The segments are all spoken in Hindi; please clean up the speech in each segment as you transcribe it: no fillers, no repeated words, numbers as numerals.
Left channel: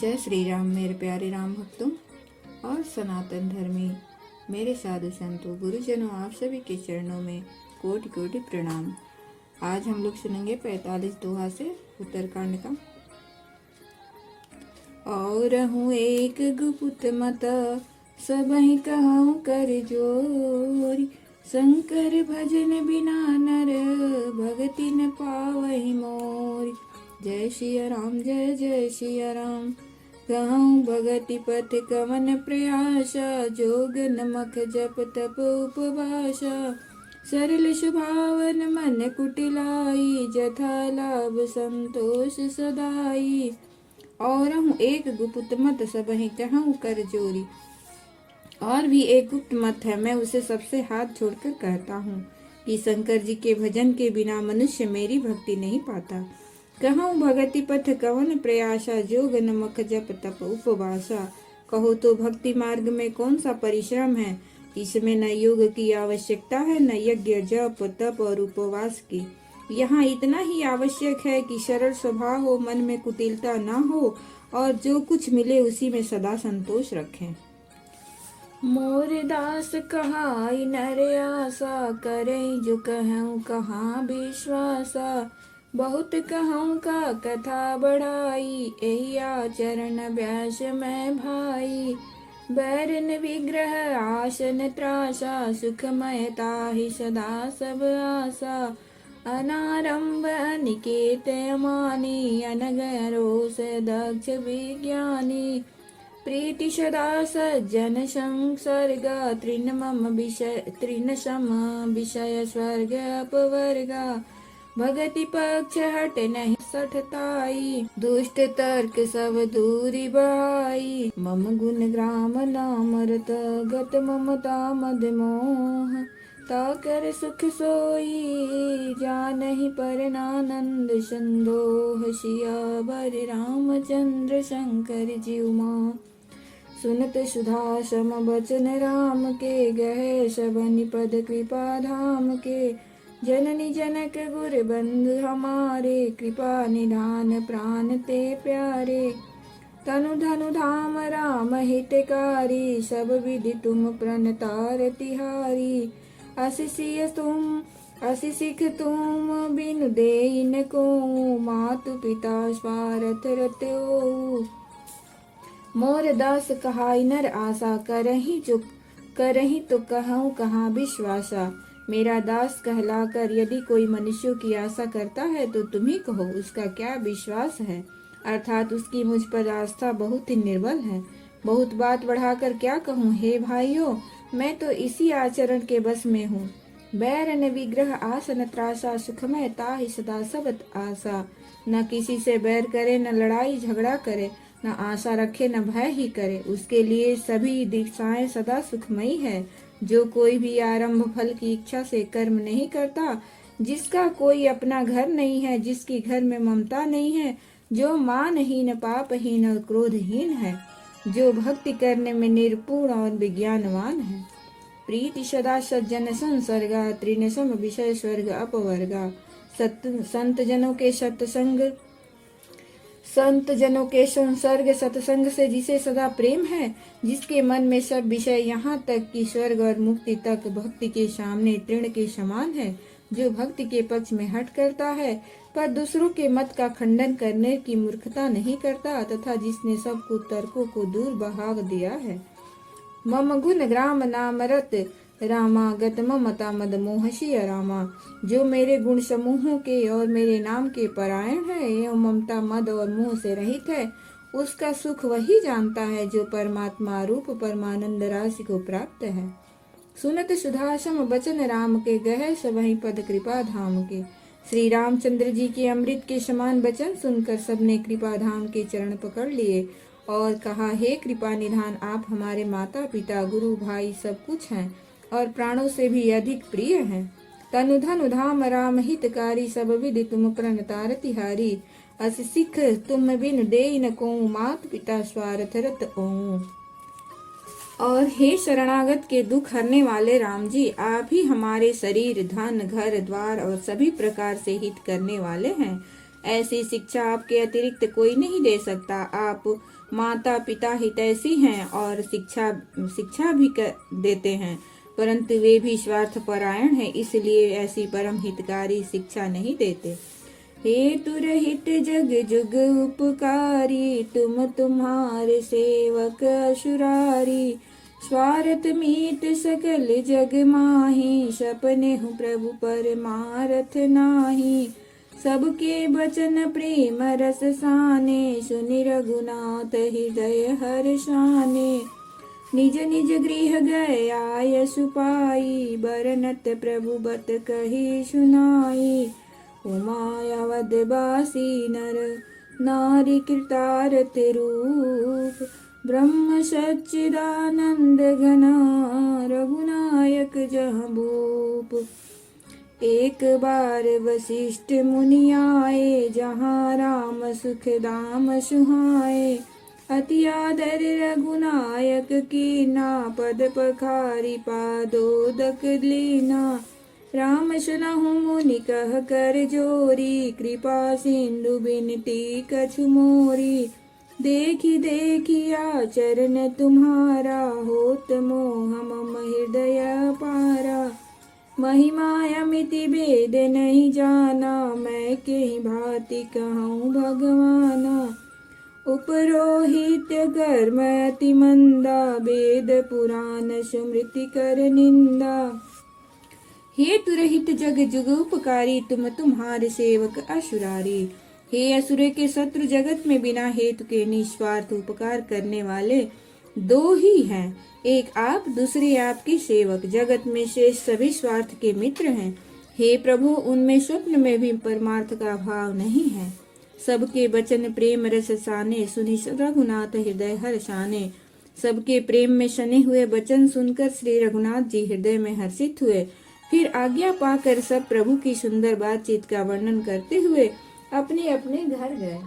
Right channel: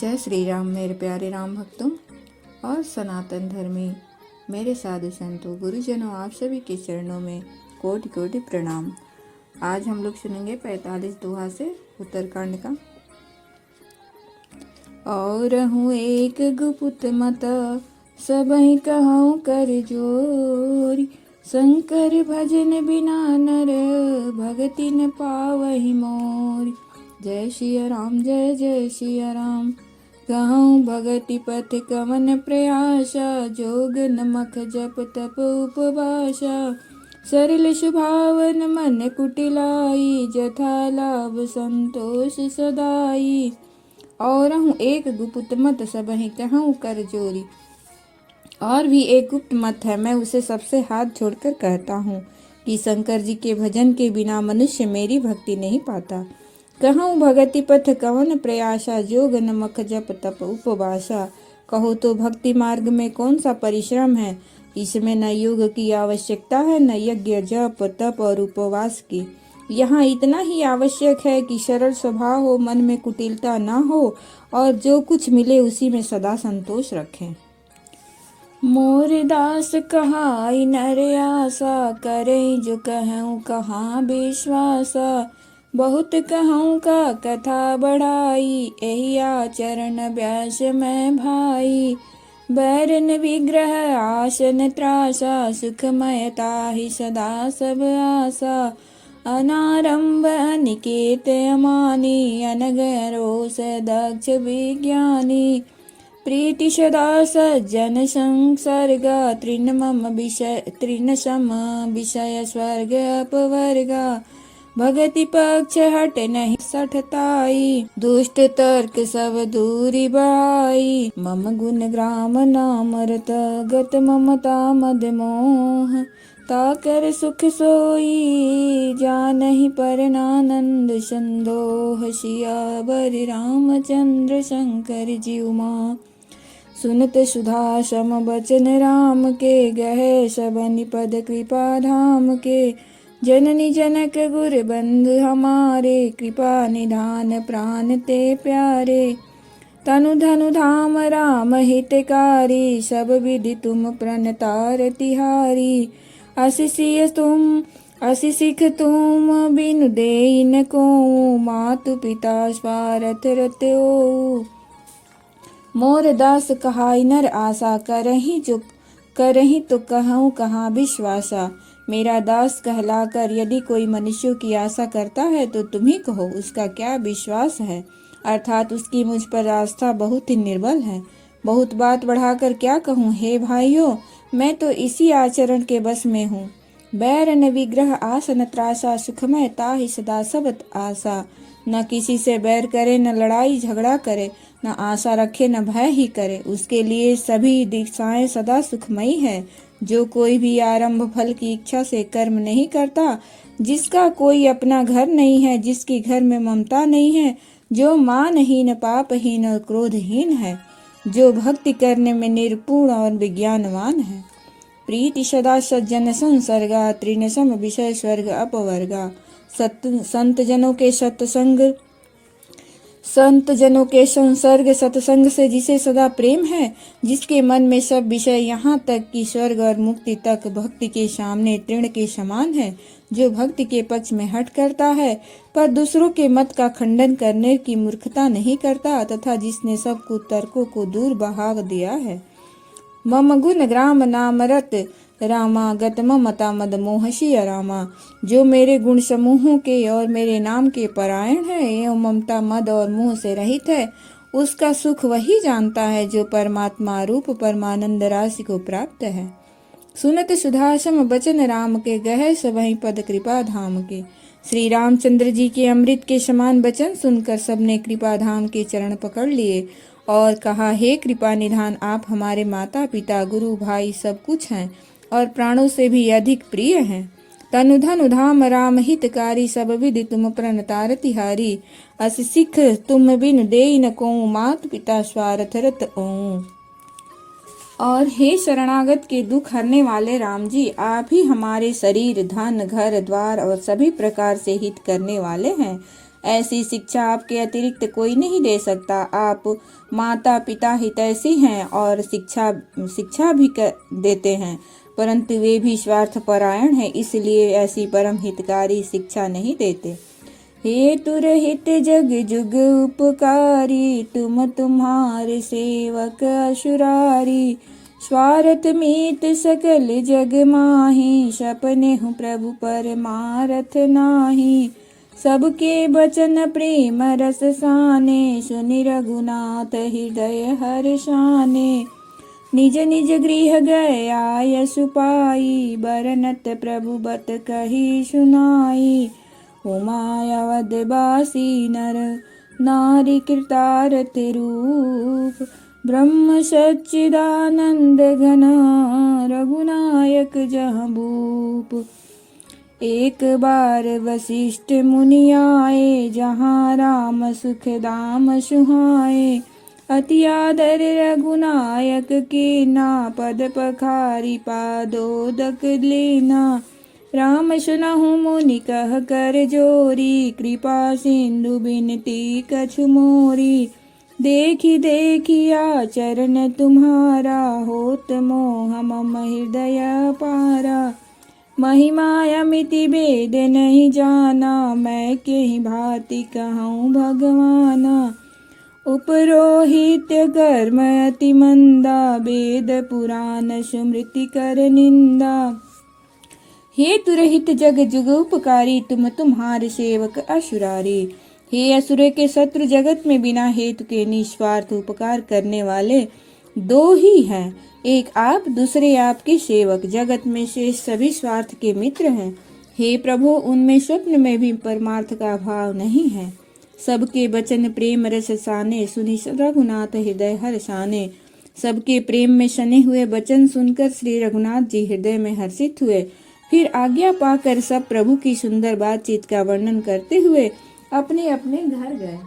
जय श्री राम मेरे प्यारे राम भक्तों और सनातन धर्मी मेरे साधु संतों गुरुजनों, आप सभी के चरणों में कोटि कोटि प्रणाम। आज हम लोग सुनेंगे 45 दोहा से उत्तरकांड का। और हूँ एक गुप्त मत सबहि कहूँ कर जोरी, शंकर भजन बिना नर भगति न पावहि मोरी। जय सिया राम जय जय सिया राम, कहूँ भगति पथ कवन प्रयासा, जोग नमक जप तप उपवासा। सरल सुभावन मन कुटिलाई, जथा लाभ संतोष सदाई। और हूँ एक गुप्त मत सबहि कहूँ कर जोरी। और भी एक गुप्त मत है, मैं उसे सबसे हाथ जोड़कर कहता हूँ कि शंकर जी के भजन के बिना मनुष्य मेरी भक्ति नहीं पाता। कहूँ भगति पथ कवन प्रयासा, जोग नमक जप तप उपवासा। कहो तो भक्ति मार्ग में कौन सा परिश्रम है, इसमें न योग की आवश्यकता है न यज्ञ जप तप और उपवास की। यहाँ इतना ही आवश्यक है कि सरल स्वभाव हो, मन में कुटिलता न हो और जो कुछ मिले उसी में सदा संतोष रखें। मोर दास कहाई नर आशा, करे जो कहूँ कहाँ विश्वासा। बहुत कहूँ का कथा बढ़ाई, यही आचरण अभ्यास में भाई। बैरन विग्रह आसन त्रासा, सुखमयता ही सदा सब आशा। अनारंभ अनिकेत अमानी, अनगरोस दक्ष विज्ञानी। प्रीति सदा सज्जन संसर्गा, तृण सम विषय स्वर्ग अपवर्गा। भगति पक्ष हट नहीं सठताई, दुष्ट तर्क सब दूरी बढ़ाई। मम गुण ग्राम नाम रत गत, ममता मद मोह ताकर सुख सोई। जानहि परनानंद संदोह, सियावर रामचंद्र शंकर जीव माँ। सुनत सुधा सम बचन राम के, गहे सब निपद कृपा धाम के। जननी जनक गुर बंधु हमारे, कृपा निधान प्राण ते प्यारे। तनु धनु धाम राम हितकारी, सब विधि तुम प्रणतार तिहारी। असी सिख तुम बिनु देई न को, मातु पिता स्वार्थ रत्यो। मोर दास कहाई नर आशा, करही तो कहूँ कहाँ विश्वासा। मेरा दास कहलाकर यदि कोई मनुष्यों की आशा करता है तो तुम ही कहो उसका क्या विश्वास है, अर्थात उसकी मुझ पर आस्था बहुत ही निर्बल है। बहुत बात बढ़ाकर क्या कहूँ हे भाइयों, मैं तो इसी आचरण के बस में हूँ। बैर न विग्रह आसन त्रासा, सुखमय ताहि सदा सबत आशा। न किसी से बैर करे, न लड़ाई झगड़ा करे, न आशा रखे न भय ही करे। उसके लिए सभी दिशाएं सदा सुखमयी है। जो कोई भी आरंभ फल की इच्छा से कर्म नहीं करता, जिसका कोई अपना घर नहीं है, जिसकी घर में ममता नहीं है, जो मानहीन पापहीन और क्रोधहीन है, जो भक्ति करने में निर्पुण और विज्ञानवान है। प्रीति सदा सज्जन संसर्गा, तृण सम विषय स्वर्ग अपवर्गा। संत जनों के संसर्ग सत्संग से जिसे सदा प्रेम है, जिसके मन में सब विषय यहाँ तक कि स्वर्ग और मुक्ति तक भक्ति के सामने तृण के समान है। जो भक्ति के पक्ष में हट करता है पर दूसरों के मत का खंडन करने की मूर्खता नहीं करता, तथा जिसने सब कुतर्कों को दूर बहाव दिया है। मम गुण ग्राम नाम रत रामा, गत ममता मद मोह सिया रामा। जो मेरे गुण समूहों के और मेरे नाम के परायण है एवं ममता मद और मोह से रहित है, उसका सुख वही जानता है जो परमात्मा रूप परमानंद राशि को प्राप्त है। सुनत सुधासम बचन राम के, गहे सबहि पद कृपा धाम के। श्री रामचंद्र जी के अमृत के समान वचन सुनकर सबने कृपा धाम के चरण पकड़ लिए और कहा, हे कृपा निधान, आप हमारे माता पिता गुरु भाई सब कुछ हैं और प्राणों से भी अधिक प्रिय हैं। तनु धनु धाम राम हितकारी, सब विधि तुम प्रणतार तिहारी। अस सिख तुम बिन देई न को, मात पिता स्वार्थ रत ओं। और हे शरणागत के दुख हरने वाले राम जी, आप ही हमारे शरीर धन घर द्वार और सभी प्रकार से हित करने वाले हैं। ऐसी शिक्षा आपके अतिरिक्त कोई नहीं दे सकता। आप माता पिता हितैषी हैं और शिक्षा भी देते हैं, परंतु वे भी स्वार्थपरायण हैं, इसलिए ऐसी परम हितकारी शिक्षा नहीं देते। हे तुरहित जग जुग उपकारी, तुम तुम्हारे सेवक असुरारी। स्वार्थ मीत सकल जग माही, सपने हूँ प्रभु परमारथ नाही। सबके बचन प्रेम रस साने, सुनि रघुनाथ हृदय हर्षाने। निज निज गृह गया यशु पाई, बरनत प्रभु बत कही सुनाई। उमायावदबासी नर नारी कृतारथ रूप, ब्रह्म सच्चिदानंद घन रघुनायक जहाँ भूप। एक बार वशिष्ठ मुनि आए, जहाँ राम सुख दाम सुहाए। अति आदर रघुनायक की ना, पद पखारी पादोदक लीना। राम सुनहु मुनि कह कर जोरी, कृपा सिंधु बिनती कछु मोरी। देखी देखी आचरण तुम्हारा, होत मोह मम हृदय पारा। महिमा अमिति भेद नहीं जाना, मैं केहि भांति कहूँ भगवाना। उपरोहित कर्म अति मंदा, वेद पुराण स्मृति कर निंदा। हे तुरहित जग जुग उपकारी, तुम तुम्हारे सेवक असुरारी। हे असुर के शत्रु, जगत में बिना हेतु के निस्वार्थ उपकार करने वाले दो ही हैं, एक आप दूसरे आपके सेवक। जगत में शेष सभी स्वार्थ के मित्र हैं। हे प्रभु, उनमें स्वप्न में भी परमार्थ का भाव नहीं है। सबके वचन प्रेम रस साने, सुनि रघुनाथ हृदय हर्षाने। सबके प्रेम में सने हुए वचन सुनकर श्री रघुनाथ जी हृदय में हर्षित हुए। फिर आज्ञा पाकर सब प्रभु की सुंदर बातचीत का वर्णन करते हुए अपने अपने घर गए।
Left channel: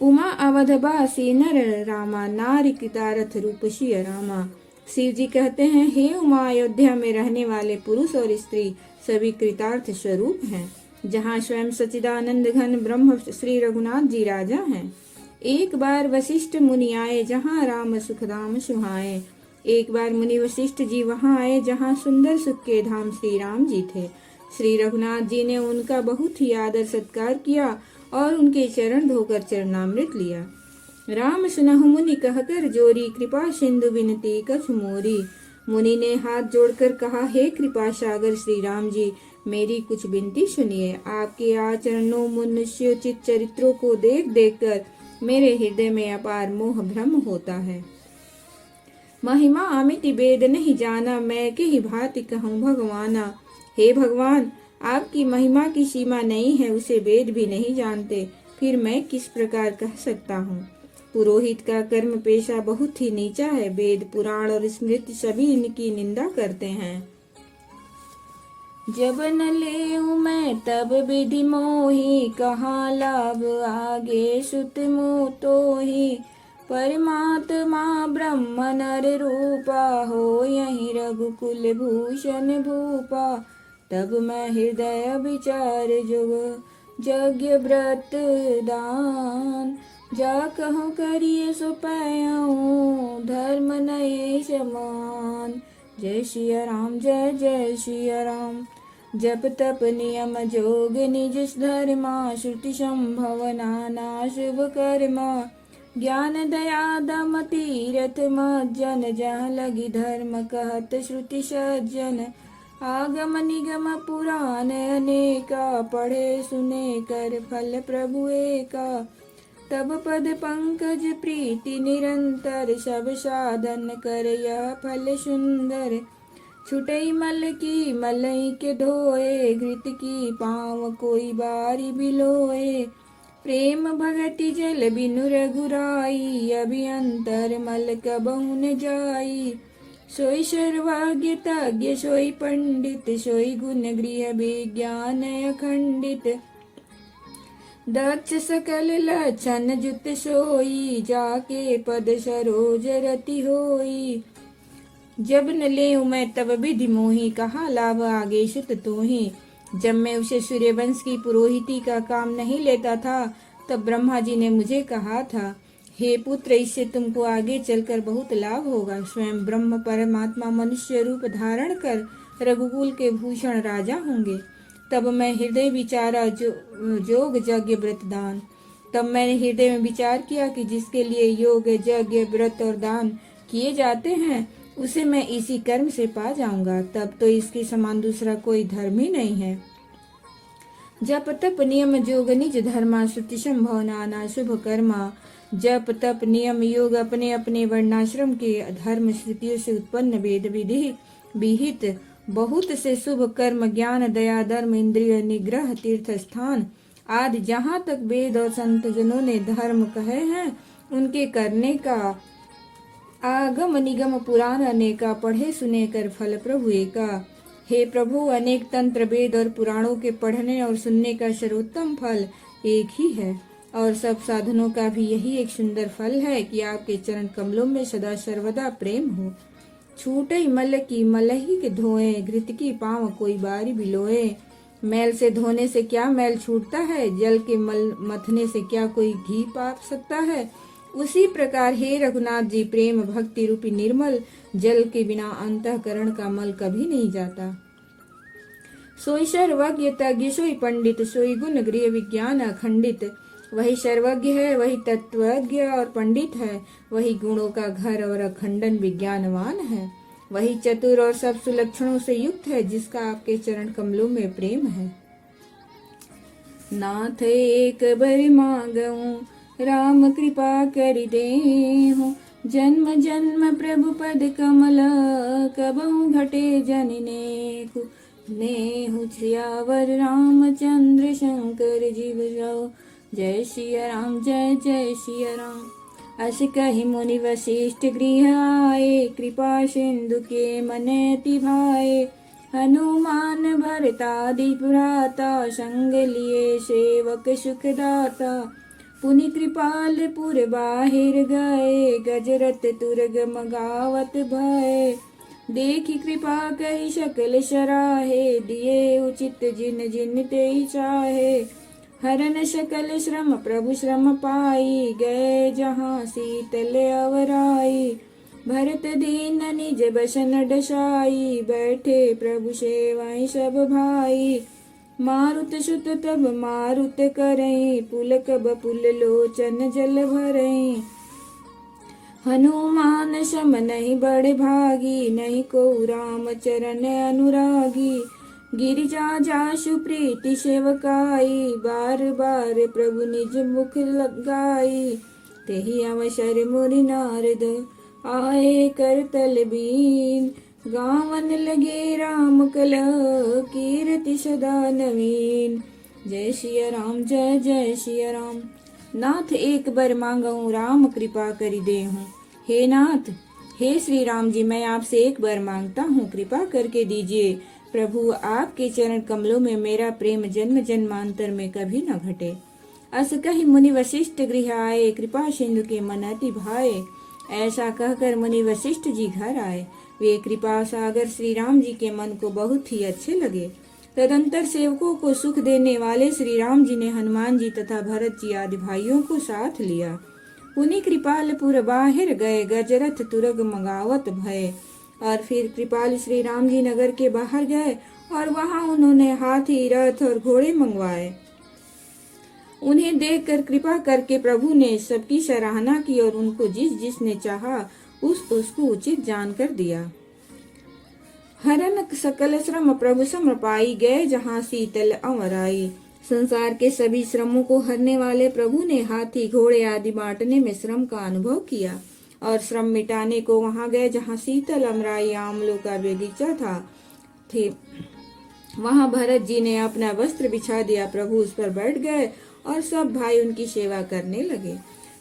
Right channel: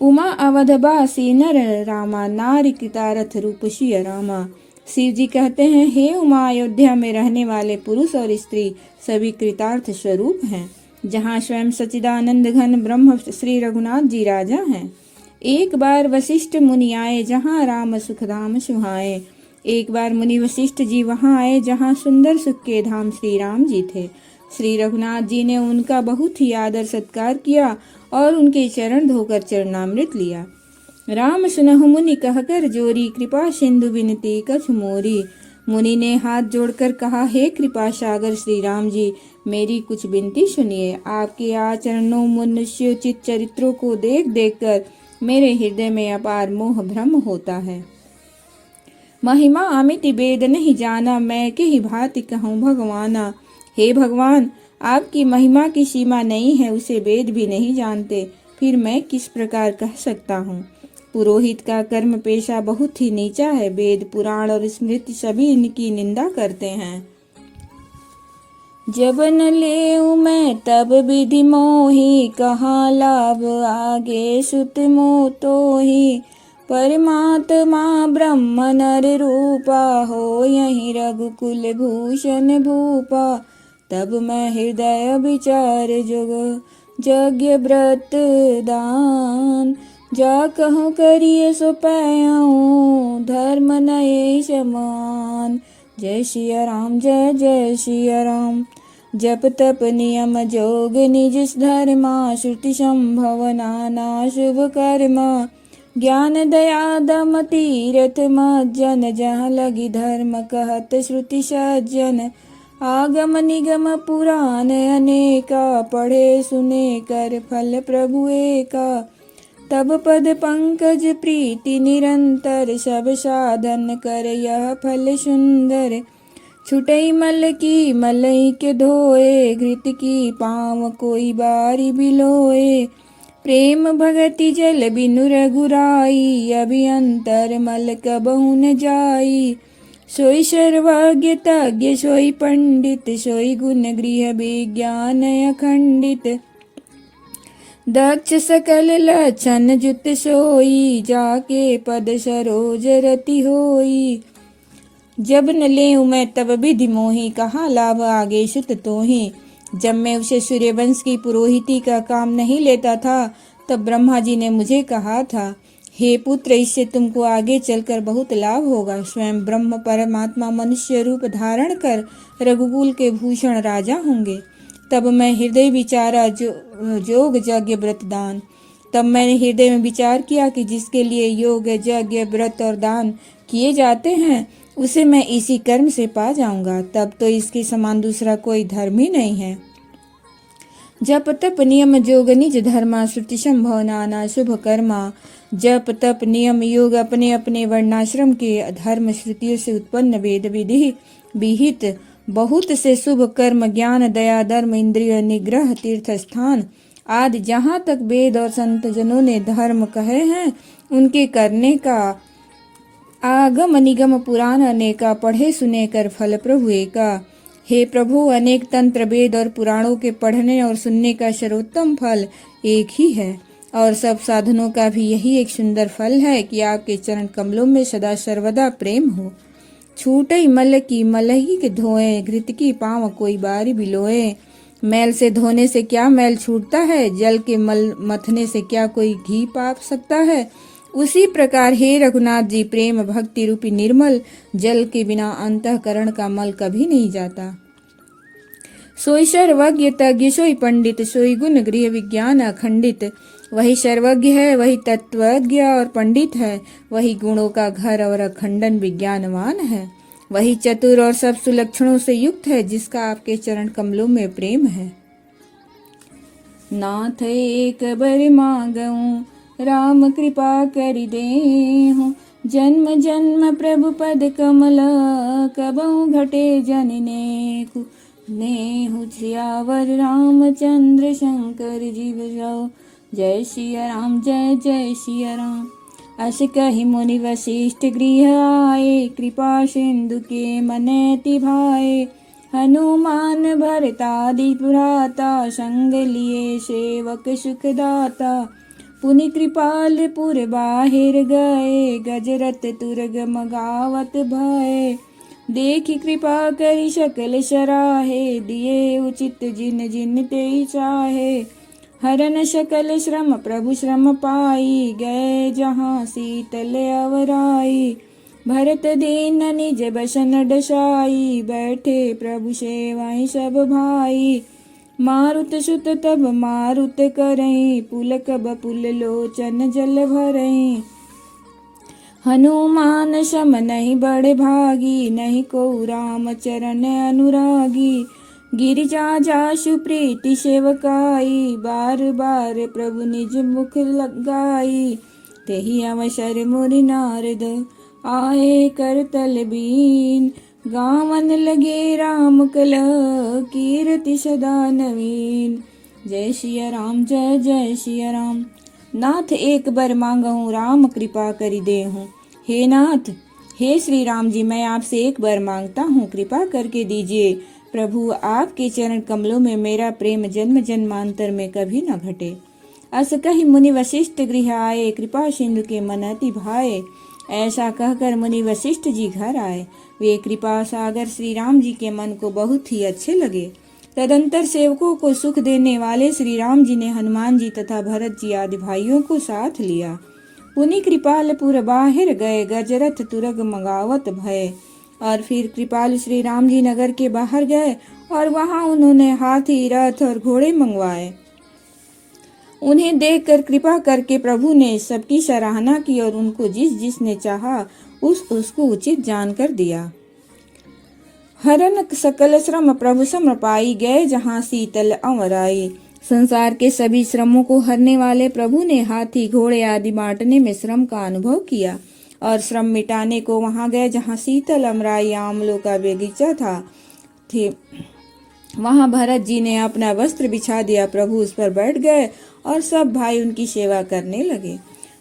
उमा अवधबासी नर रामा, नारी कृतारथ रूप सिया रामा। शिव जी कहते हैं, हे उमा, अयोध्या में रहने वाले पुरुष और स्त्री सभी कृतार्थ स्वरूप हैं, जहाँ स्वयं सच्चिदानंद घन ब्रह्म श्री रघुनाथ जी राजा हैं। एक बार वशिष्ठ मुनि आए, जहाँ राम सुख धाम सुहाए। एक बार मुनि वशिष्ठ जी वहाँ आए, जहाँ सुंदर सुख के धाम श्री राम जी थे। श्री रघुनाथ जी ने उनका बहुत ही आदर सत्कार किया और उनके चरण धोकर चरणामृत लिया। राम सुनहु मुनि कहकर जोरी, कृपा सिंधु बिनती कछु मोरी। मुनि ने हाथ जोड़कर कहा, हे कृपा सागर श्री राम जी, मेरी कुछ विनती सुनिए। आपके आचरणों मनुष्योचित चरित्रों को देख देख कर मेरे हृदय में अपार मोह भ्रम होता है। महिमा अमिति वेद नहीं जाना, मैं के ही भांति कहूँ भगवाना। हे भगवान, आपकी महिमा की सीमा नहीं है, उसे वेद भी नहीं जानते, फिर मैं किस प्रकार कह सकता हूँ। पुरोहित का कर्म पेशा बहुत ही नीचा है। वेद पुराण और स्मृति सभी इनकी निंदा करते हैं। जब न लेऊं मैं तब विधि मोही, कहाँ लाभ आगे सुत मोह तोहि। परमात्मा ब्रह्म नर रूपा, हो यही रघुकुल भूषण भूपा। तब मैं हृदय विचार यज्ञ व्रत दान, जा कहूँ करिए सो पाऊँ, धर्म नये समान। जय सिया राम, जय जय सिया राम। जप तप नियम जोग निज धर्मा, श्रुति संभव नाना शुभ कर्मा। ज्ञान दया दम तीरथ मज्जन, जहाँ लगी धर्म कहत श्रुति सज्जन। आगम निगम पुराण अनेका, पढ़े सुने कर फल प्रभु एका। तब पद पंकज प्रीति निरंतर, सब साधन कर यह फल सुंदर। छुटई मल की मलई के धोए, घृत की पाँव कोई बारी बिलोए। प्रेम भगति जल बिनु रघुराई, अभियंतर मल कबहु न जाई। सोई सर्वज्ञ तज्ञ सोई पंडित, सोई गुण गृह विज्ञान अखंडित। दक्ष सकल लक्षण जुत सोई, जाके पद सरोज रति होई। जब न लेऊं मैं तब विधि मोही, कहाँ लाभ आगे सुत तोहि। जब मैं उसे सूर्यवंश की पुरोहिती का काम नहीं लेता था तब ब्रह्मा जी ने मुझे कहा था, हे पुत्र, इससे तुमको आगे चलकर बहुत लाभ होगा। स्वयं ब्रह्म परमात्मा मनुष्य रूप धारण कर रघुकुल के भूषण राजा होंगे। तब मैं हृदय विचारा योग यज्ञ व्रत दान। तब मैंने हृदय में विचार किया कि जिसके लिए योग यज्ञ व्रत और दान किए जाते हैं उसे मैं इसी कर्म से पा जाऊंगा। तब तो इसके समान दूसरा कोई धर्म ही नहीं है। जप तप नियम योग निज धर्मा, श्रुति संभव नाना शुभ कर्मा। जप तप नियम योग अपने अपने वर्णाश्रम के धर्म श्रुतियों से उत्पन्न वेद विधि विहित बहुत से शुभ कर्म, ज्ञान दया धर्म इंद्रिय निग्रह तीर्थ स्थान आदि जहाँ तक वेद और संत जनों ने धर्म कहे हैं उनके करने का आगम निगम पुराण अनेका, पढ़े सुने कर फल प्रभु एका। हे प्रभु, अनेक तंत्र वेद और पुराणों के पढ़ने और सुनने का सर्वोत्तम फल एक ही है और सब साधनों का भी यही एक सुंदर फल है कि आपके चरण कमलों में सदा सर्वदा प्रेम हो। छूटई मल की मलही के धोए, घृत की पाँव कोई बारी बिलोए। मैल से धोने से क्या मैल छूटता है, जल के मल मथने से क्या कोई घी पाप सकता है। उसी प्रकार हे रघुनाथ जी, प्रेम भक्ति रूपी निर्मल जल के बिना अंतःकरण का मल कभी नहीं जाता। सोई सर्वज्ञ तज्ञ सोई पंडित, सोई गुण गृह विज्ञान अखंडित। वही सर्वज्ञ है, वही तत्वज्ञ और पंडित है, वही गुणों का घर और अखंडन विज्ञानवान है। वही चतुर और सब सुलक्षणों से युक्त है, जिसका आपके चरण कमलों में प्रेम है। नाथ एक बर मांगऊं, राम कृपा कर देहु। जन्म जन्म प्रभु पद कमल, कबहु घटे जन नेहु। नेहु श्रियावर रामचंद्र शंकर जीव जाओ। जय सिया राम, जय जय सिया राम। अस कहि मुनि वशिष्ठ गृह आए, कृपा सिंधु के मनेति भाए। हनुमान भरतादि पुराता, संग लिए सेवक सुखदाता। पुनि कृपाल पुर बाहिर गए, गजरत तुरग मगावत भय। देखि कृपा करि सकल सराहे, दिए उचित जिन जिन ते चाहे। हरन सकल श्रम प्रभु श्रम पाई, गए जहाँ शीतल अवराई। भरत दीन निज बसन डसाई, बैठे प्रभु सेवाई सब भाई। मारुत सुत तब मारुत करें, पुलक बपुल लोचन जल भरें। हनुमान सम नहीं बड़ भागी, नहीं को राम चरण अनुरागी। गिरिजा जासु प्रीति सेवकाई, बार बार प्रभु निज मुख लगाई। तेहि अवसर मुनि नारद, आए करतल बीन। गावन लगे राम कला, कीर्ति सदा नवीन। जय सिया राम, जय जय सिया राम। नाथ एक बर मांगहूँ, राम कृपा करि देहूँ। हे नाथ, हे श्री राम जी, मैं आपसे एक बार मांगता हूँ, कृपा करके दीजिए। प्रभु, आपके चरण कमलों में मेरा प्रेम जन्म जन्मांतर में कभी न घटे। अस कहि मुनि वशिष्ठ गृह आए, कृपा सिंधु के मनति भाए। ऐसा कहकर मुनि वशिष्ठ जी घर आए। वे कृपा सागर श्री राम जी के मन को बहुत ही अच्छे लगे। तदंतर सेवकों को सुख देने वाले श्री राम जी ने हनुमान जी तथा भरत जी आदि भाइयों को साथ लिया। पुनि कृपालपुर बाहिर गए, गजरथ तुरग मगावत भय। और फिर कृपाल श्री राम जी नगर के बाहर गए और वहां उन्होंने हाथी रथ और घोड़े मंगवाए। उन्हें देखकर कृपा करके प्रभु ने सबकी सराहना की और उनको जिस जिसने चाहा उसको उचित जानकर दिया। हरन सकल श्रम प्रभु सम पाई, गए जहाँ शीतल अमराई। संसार के सभी श्रमों को हरने वाले प्रभु ने हाथी घोड़े आदि बांटने में श्रम का अनुभव किया और श्रम मिटाने को वहां गए जहाँ शीतल अमराई आमलों का बगीचा थे। वहां भरत जी ने अपना वस्त्र बिछा दिया, प्रभु उस पर बैठ गए और सब भाई उनकी सेवा करने लगे।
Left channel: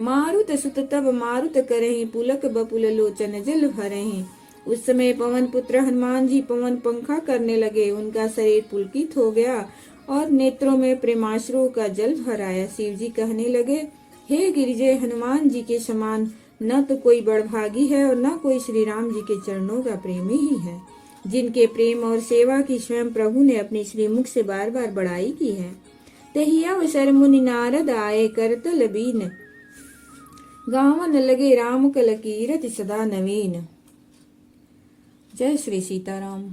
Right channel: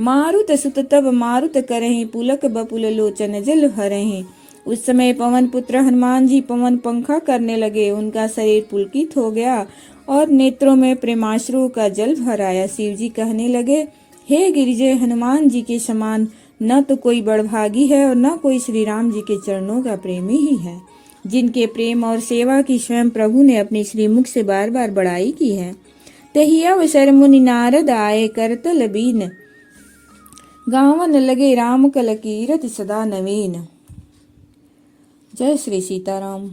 मारुत सुत तब मारुत करहि, पुलक बपुल लोचन जल भरहि। उस समय पवन पुत्र हनुमान जी पवन पंखा करने लगे। उनका शरीर पुलकित हो गया और नेत्रों में प्रेमाश्रु का जल भर आया। शिव जी कहने लगे, हे गिरिजय, हनुमान जी के समान न तो कोई बड़भागी है और न कोई श्री राम जी के चरणों का प्रेमी ही है। जिनके प्रेम और सेवा की स्वयं प्रभु ने अपने श्रीमुख से बार बार बड़ाई की है। तही अवसर मुनि नारद आए करतल बीन, गावन लगे राम कल कीरति सदा नवीन। जय श्री सीताराम।